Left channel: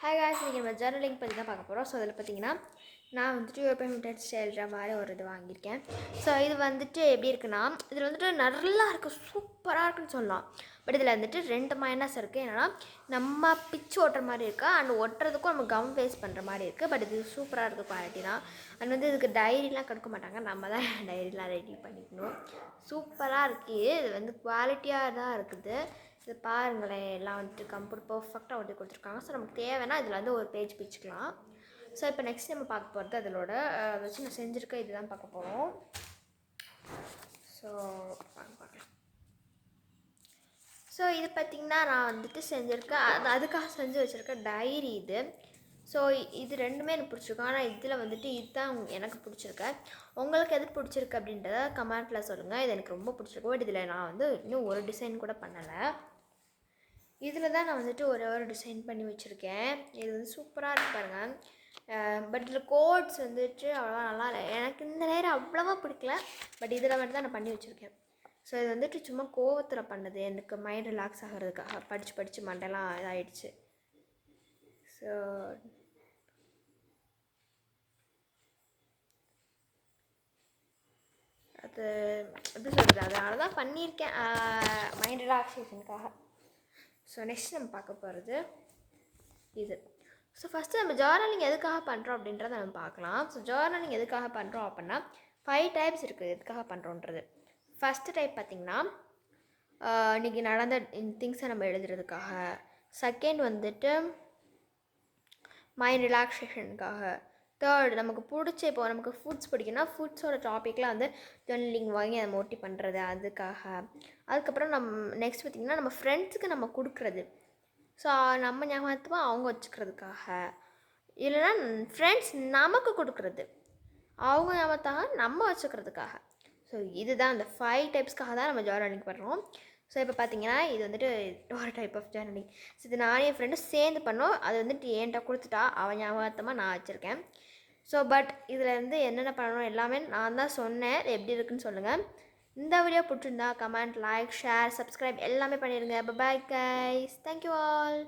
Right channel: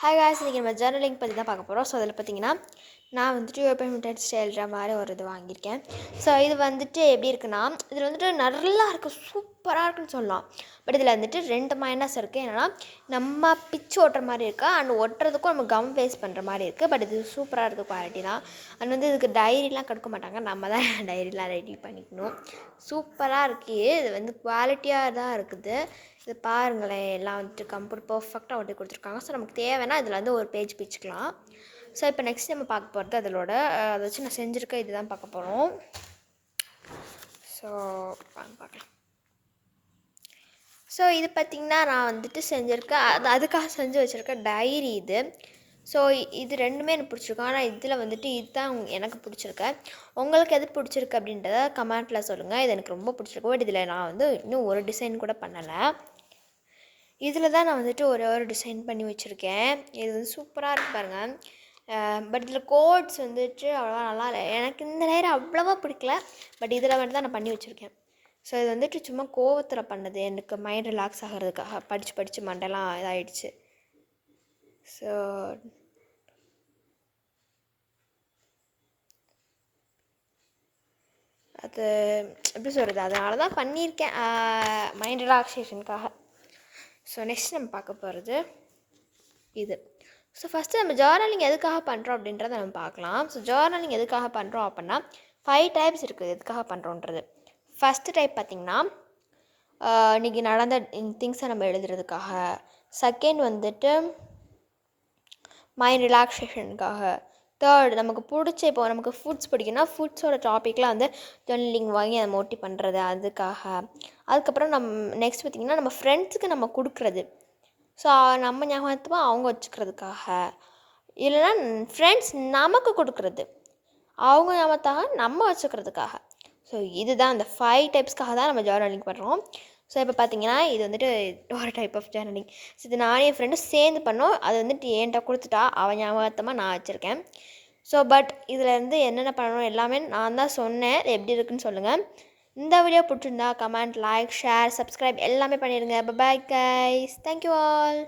Hi guys, இன்றைக்கி நம்ம journaling பற்றி தான் பார்க்க போகிறோம். ஸோ அதில் பார்த்தீங்கன்னா நான் வந்துட்டு பேமெண்ட் ஸ்டைல்ற மாதிரி ஒரு இது வாங்கியிருக்கேன். ஸோ இது வந்துட்டு எப்படி இருக்குன்னா, இதில் வந்துட்டு நல்லா இருக்குது, சூப்பராக இருக்குன்னு சொல்லலாம். பட் இதில் வந்துட்டு 2 மைனஸ் இருக்குது. என்னென்னா, நம்ம பிச்சு ஓட்டுற மாதிரி இருக்குது அண்ட் ஒட்டுறதுக்கும் நம்ம கம் வேஸ்ட் பண்ணுற மாதிரி இருக்குது. பட் இது சூப்பராக இருக்குது, குவாலிட்டி தான். அண்ட் வந்து இதுக்கு டைரிலாம் கொடுக்க மாட்டாங்க, நம்ம தான் டைரிலாம் ரெடி பண்ணிக்கணும். சூப்பராக இருக்குது. இது வந்து குவாலிட்டியாக தான் இருக்குது. இது பாருங்களேன், எல்லாம் வந்துட்டு கம்ப்யூட்டர் பர்ஃபெக்டாக ஒட்டி கொடுத்துருக்காங்க. ஸோ நமக்கு தேவைன்னா இதில் வந்து ஒரு பேஜ் பிச்சுக்கலாம். ஸோ இப்போ நெக்ஸ்ட் நம்ம பார்க்க போகிறது அதோட அதை வச்சு நான் செஞ்சுருக்கேன், இது தான் பார்க்க போகிறோம். ஸோ பார்க்கலாம். ஸோ இது பார்த்திங்கன்னா நான் வந்துட்டு செஞ்சுருக்கேன், அதுக்காக செஞ்சு வச்சுருக்கேன் டைரி இது. ஸோ இது ரெண்டுமே எனக்கு பிடிச்சிருக்கும். ஆனால் இதில் வந்துட்டு இதுதான் எனக்கு பிடிச்சிருக்கு. உங்களுக்கு எது பிடிச்சிருக்கு அப்படின்றத கமெண்ட்டில் சொல்லுங்கள். இது எனக்கு ரொம்ப பிடிச்சிருக்கு. பட் இதில் நான் வந்து இன்னும் ஒரு டிசைன் கூட பண்ணலை. இதில் தான் நான் வந்துட்டு ஒரு டிசைன் பண்ணி வச்சுருக்கேன். இது வந்து சூப்பராக இருக்கு பாருங்கள். பட் இதில் கோட்ஸ் வந்துட்டு அவ்வளோவா நல்லா இல்லை. எனக்கு இந்த நேரம் அவ்வளோவா பிடிக்கல. பட் இதில் மட்டும் தான் நான் பண்ணி வச்சுருக்கேன். ஸோ இது வந்துட்டு சும்மா கோவத்தில் பண்ணது, எனக்கு மைண்ட் ரிலாக்ஸ் ஆகிறதுக்காக. படித்து மண்டெல்லாம் இதாகிடுச்சு. ஸோ அது எப்படி சொல்கிறது, அதனால தான் பண்ணியிருக்கேன், மைண்ட் ரிலாக்ஸேஷனுக்காக. ஸோ நெக்ஸ்ட் நம்ம பார்க்க போகிறது இது. ஸோ ஃபஸ்ட்டு நம்ம ஜர்னலிங் எதுக்காக பண்ணுறோம் அப்படின்றத நம்ம பார்க்கலாம். ஸோ ஜர்னலிங் எதுக்காக பண்ணுறோம் அப்படின்னா 5 டைப்ஸ் இருக்குது எதுக்காக பண்ணுறோன்றது. ஃபஸ்ட்டு டைப் பார்த்திங்கன்னா, இன்றைக்கி நடந்த திங்ஸை நம்ம எழுதுறதுக்காக. செகண்ட் வந்துட்டு மைண்ட் ரிலாக்ஸேஷனுக்காக. தேர்ட் நமக்கு பிடிச்ச, இப்போ நமக்கு ஃபுட்ஸ் பிடிக்குன்னா ஃபுட்ஸோட டாப்பிக்லாம் வந்து ஜர்னலிங் வாங்கி அதை மோட்டி பண்ணுறது, அதுக்காக. அதுக்கப்புறம் நெக்ஸ்ட் பார்த்திங்கன்னா நம்ம ஃப்ரெண்ட்ஸுக்கு நம்ம கொடுக்குறது. ஸோ நம்ம ஞாபகமாக அவங்க வச்சுக்கிறதுக்காக. இல்லைனா ஃப்ரெண்ட்ஸ் நமக்கு கொடுக்குறது, அவங்க ஞாபகத்தாக நம்ம வச்சுக்கிறதுக்காக. ஸோ இதுதான் அந்த 5 டைப்ஸ்க்காக தான் நம்ம ஜர்னலிங் பண்ணுறோம். ஸோ இப்போ பார்த்தீங்கன்னா இது வந்துட்டு ஒரு டைப் ஆஃப் ஜர்னலிங். ஸோ இது நானே என் ஃப்ரெண்டும் சேர்ந்து பண்ணோம். அது வந்துட்டு என்கிட்ட கொடுத்துட்டா, அவன் ஞாபகத்தமாக நான் வச்சுருக்கேன். ஸோ பட் இதில் இருந்து என்னென்ன பண்ணணும் எல்லாமே நான் தான் சொன்னேன். எப்படி இருக்குன்னு சொல்லுங்கள். இந்த வீடியோ பிடிச்சிருந்தா கமெண்ட், லைக், ஷேர், சப்ஸ்கிரைப் எல்லாமே பண்ணிடுங்க. Bye guys, thank you all.